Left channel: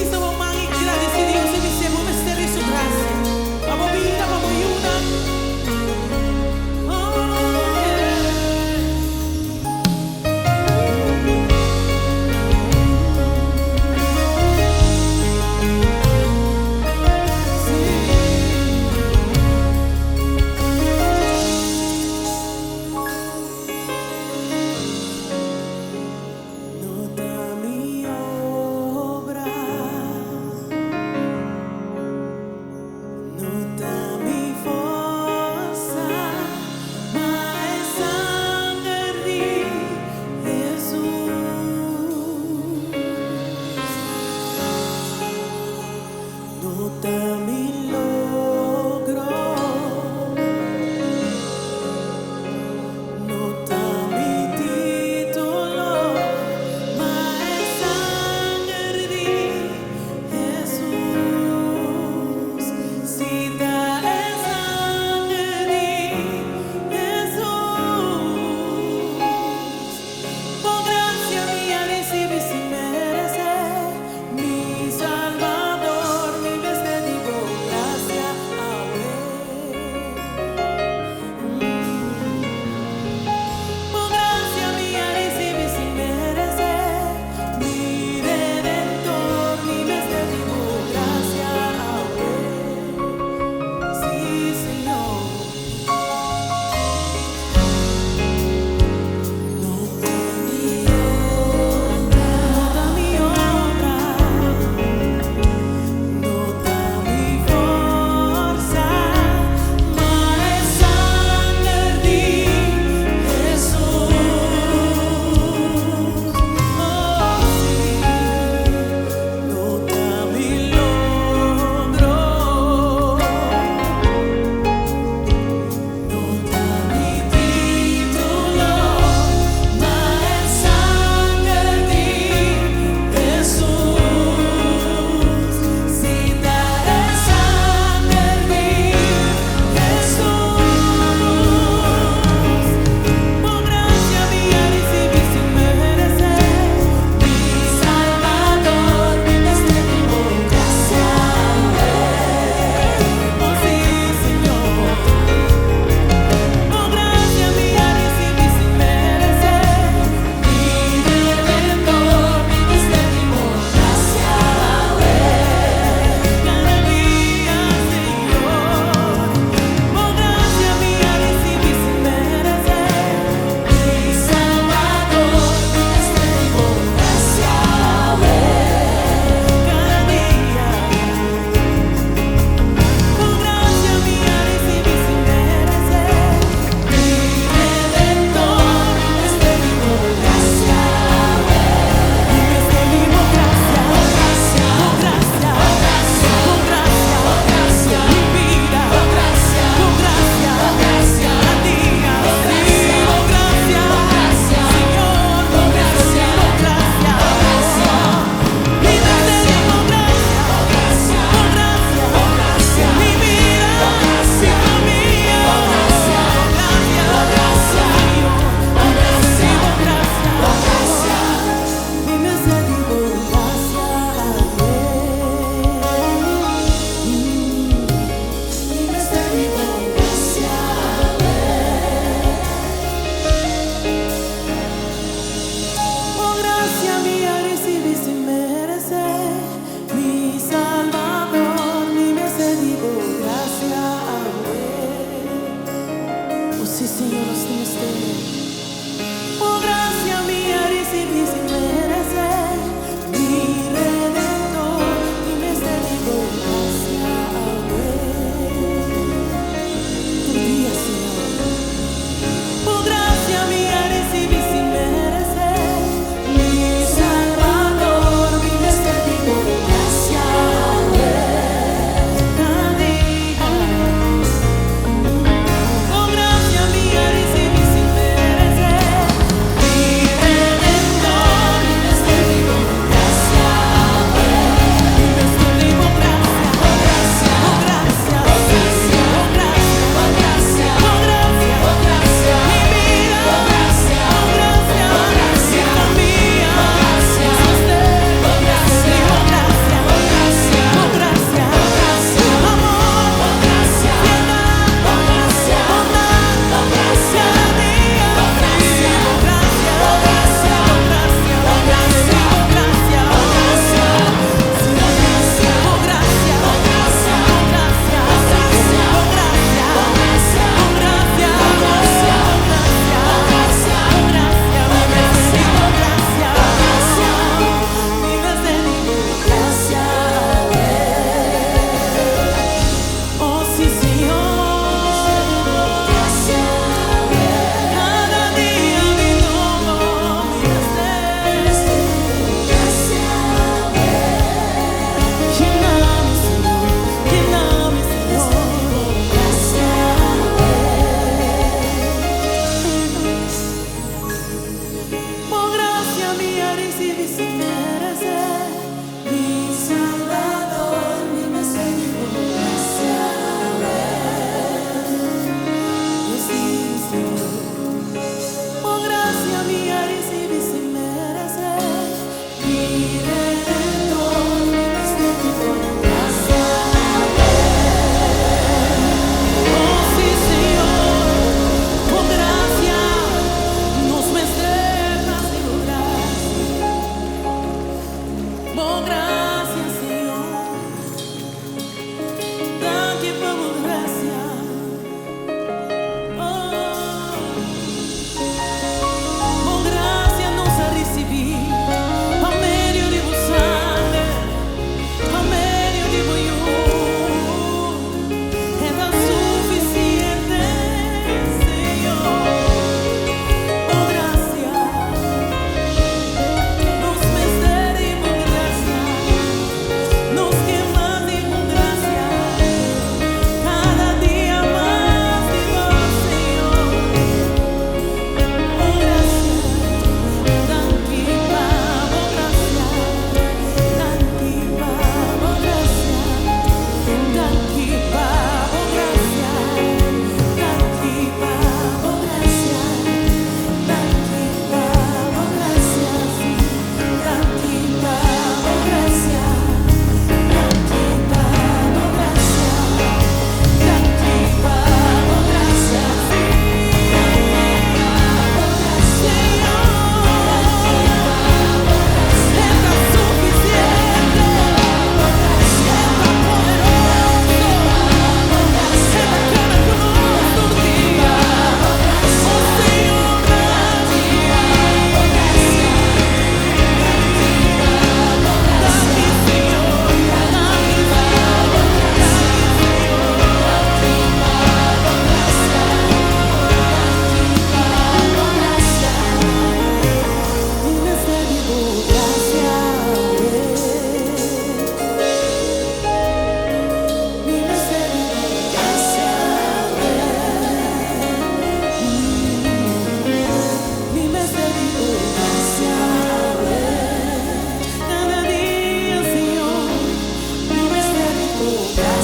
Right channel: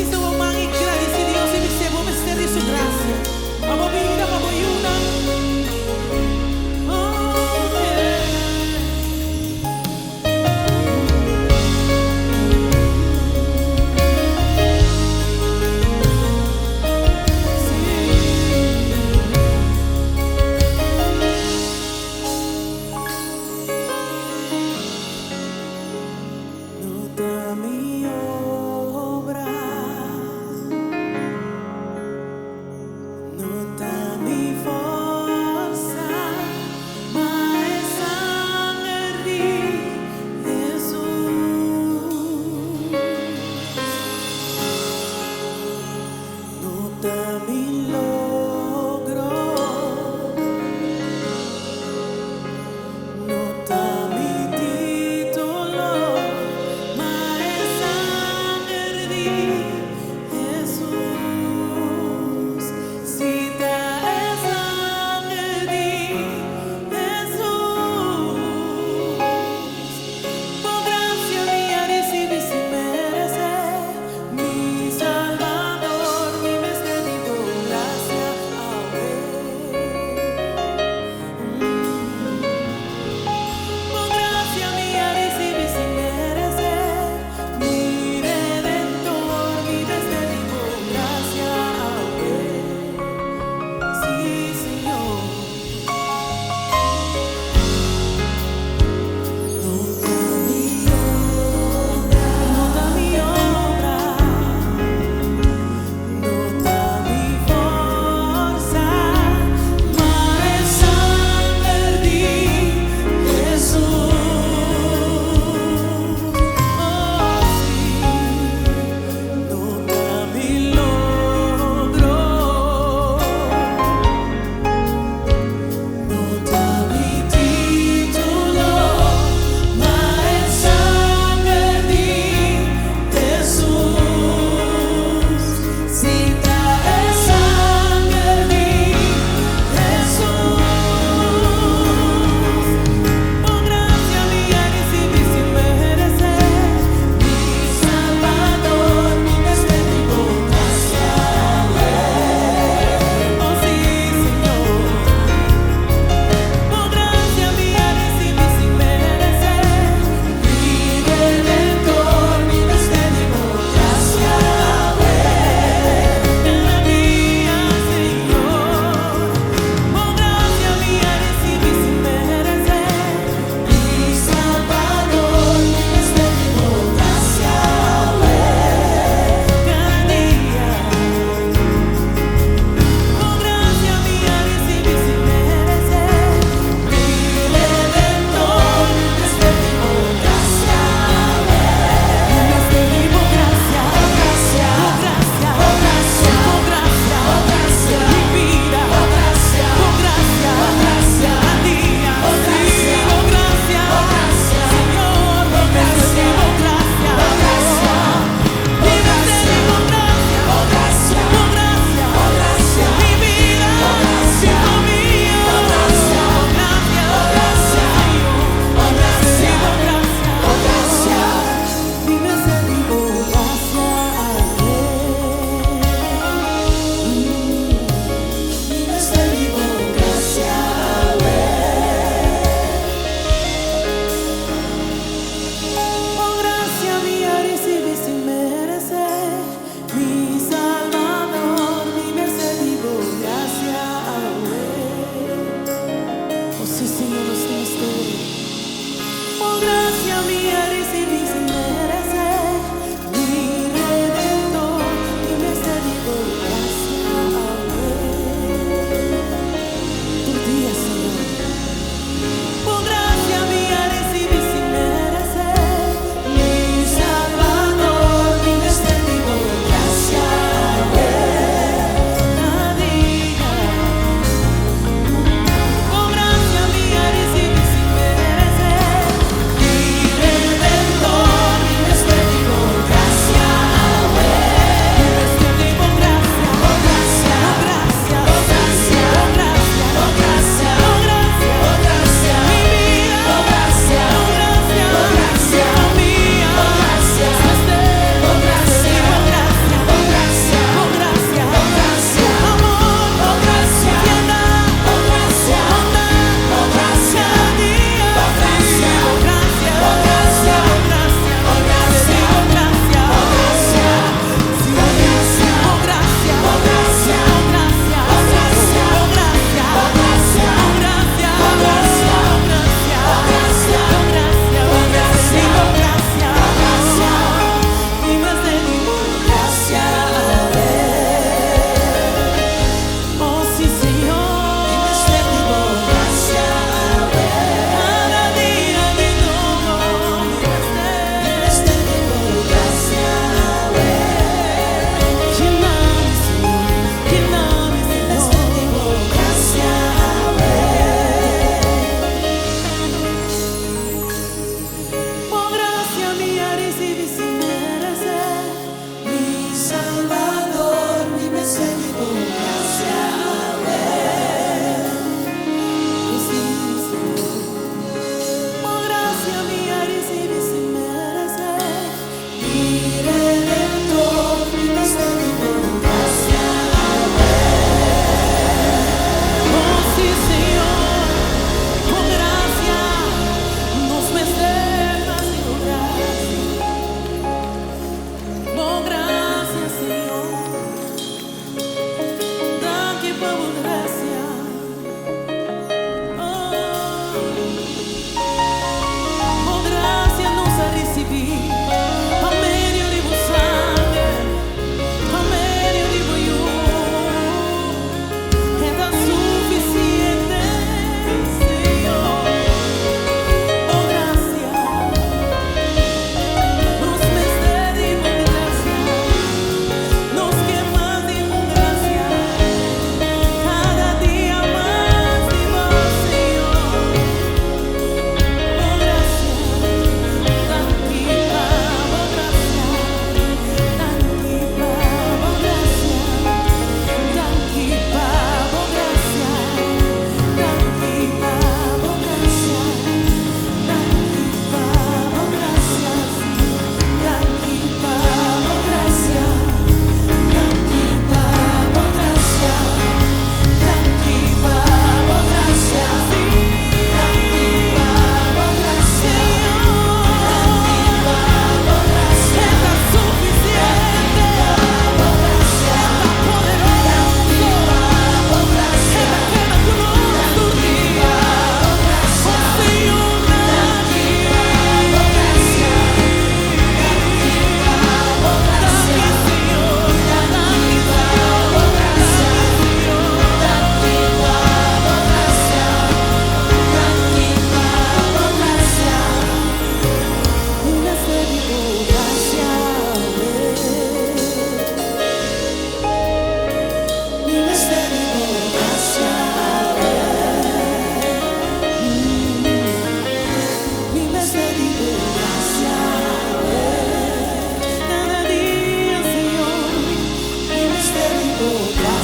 hizo mamá y agradecidos y dice, vos me ser su gracia. Vamos vida, vamos una. Nota mi obra, nota mi forza, ma è sangue di Gesù. Nota mi logro, nota mi titolo. Recibi sin merecer, mi Salvador, mi Mestre digo gracia a Él. Por gracia mía recibi sin merecer, mi Redentor, mi Mestre digo gracia a Él. Sí, Señor. Recibi sin merecer, mi Salvador, mi Mestre digo gracia a Él. Oh sí, Señor, nos tienes de. Oh gracia mía recibí sin merecer, mi Redentor, mi Mestre digo gracia a Él. Tu día, Señor. Oh gracia mía recibí sin merecer. Mi Salvador, mi Mestre digo gracia a Él. Cada día, con gracia mía recibí sin merecer. Mi Redentor, mi Mestre digo gracia a Él. Mi Mestre digo gracia, oh gracia, oh gracia, oh gracia, oh gracia, oh gracia, oh gracia. gracia mía recibí sin merecer. Mi Salvador, mi Mesías, digo gracias. Oh sí, Señor, por gracia mía recibí sin merecer. Mi Redentor, mi Mesías, digo gracias. Oh sí, Señor, por gracia nos mesternas, digo gracias. Por gracia, Señor, daqui por gracia. Oh, por gracia nos ha recibido, por medio de vos sangre, por medio de vos está suficiente, Señor. Por gracia nos mester y por gracia nos quemas y por gracia cada día más de vos, Señor. Por gracia, dankipa, por gracia, dankipa, por gracia, dankipa. Cada día, Señor, mi misterio, gracias.